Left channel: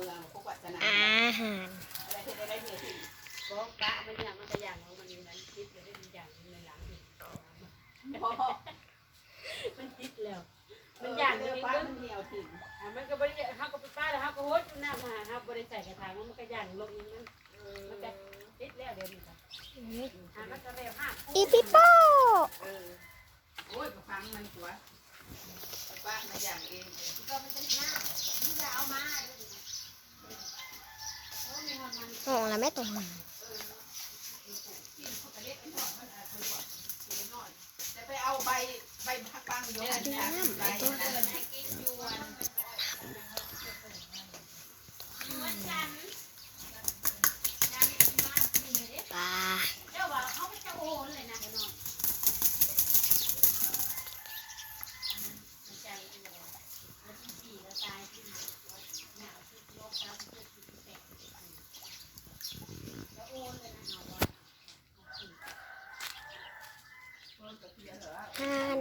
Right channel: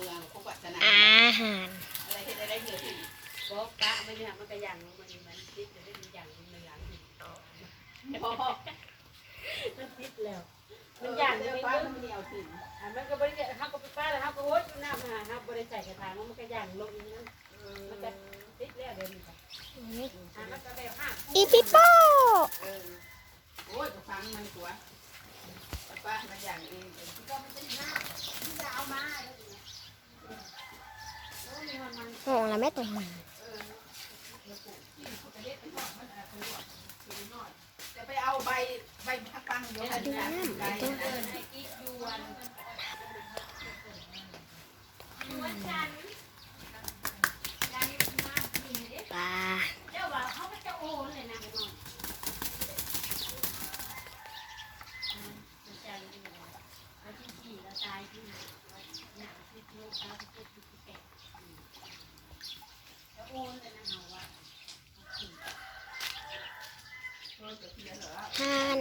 มืองพวกวัฒนธรรมอาหาร อะไรที่ได้เงินที่บอกกะมันเนี่ยมันก็อย่างมันติดเลยได้อย่างมันหลังมันติดแล้วมันอย่างเดียวป้ามันเหนียวถิ่นมันก็บริเวณเขาก็ไปป้าแล้วเขาก็โหดหน้ามาเขาบริใส่กระถางมันก็อย่างลงมันก็ติดแล้วเดี๋ยวนี้มันก็แบบห้า อีปิโป้ โอ้ยฟังมันตัวป้ามาอย่างเองก็มันเป็นหน้าที่จะเอามามองแล้วแม่ตรงมา จะไปเอาใบพักปังอยู่ใบตัว ปลาห่าน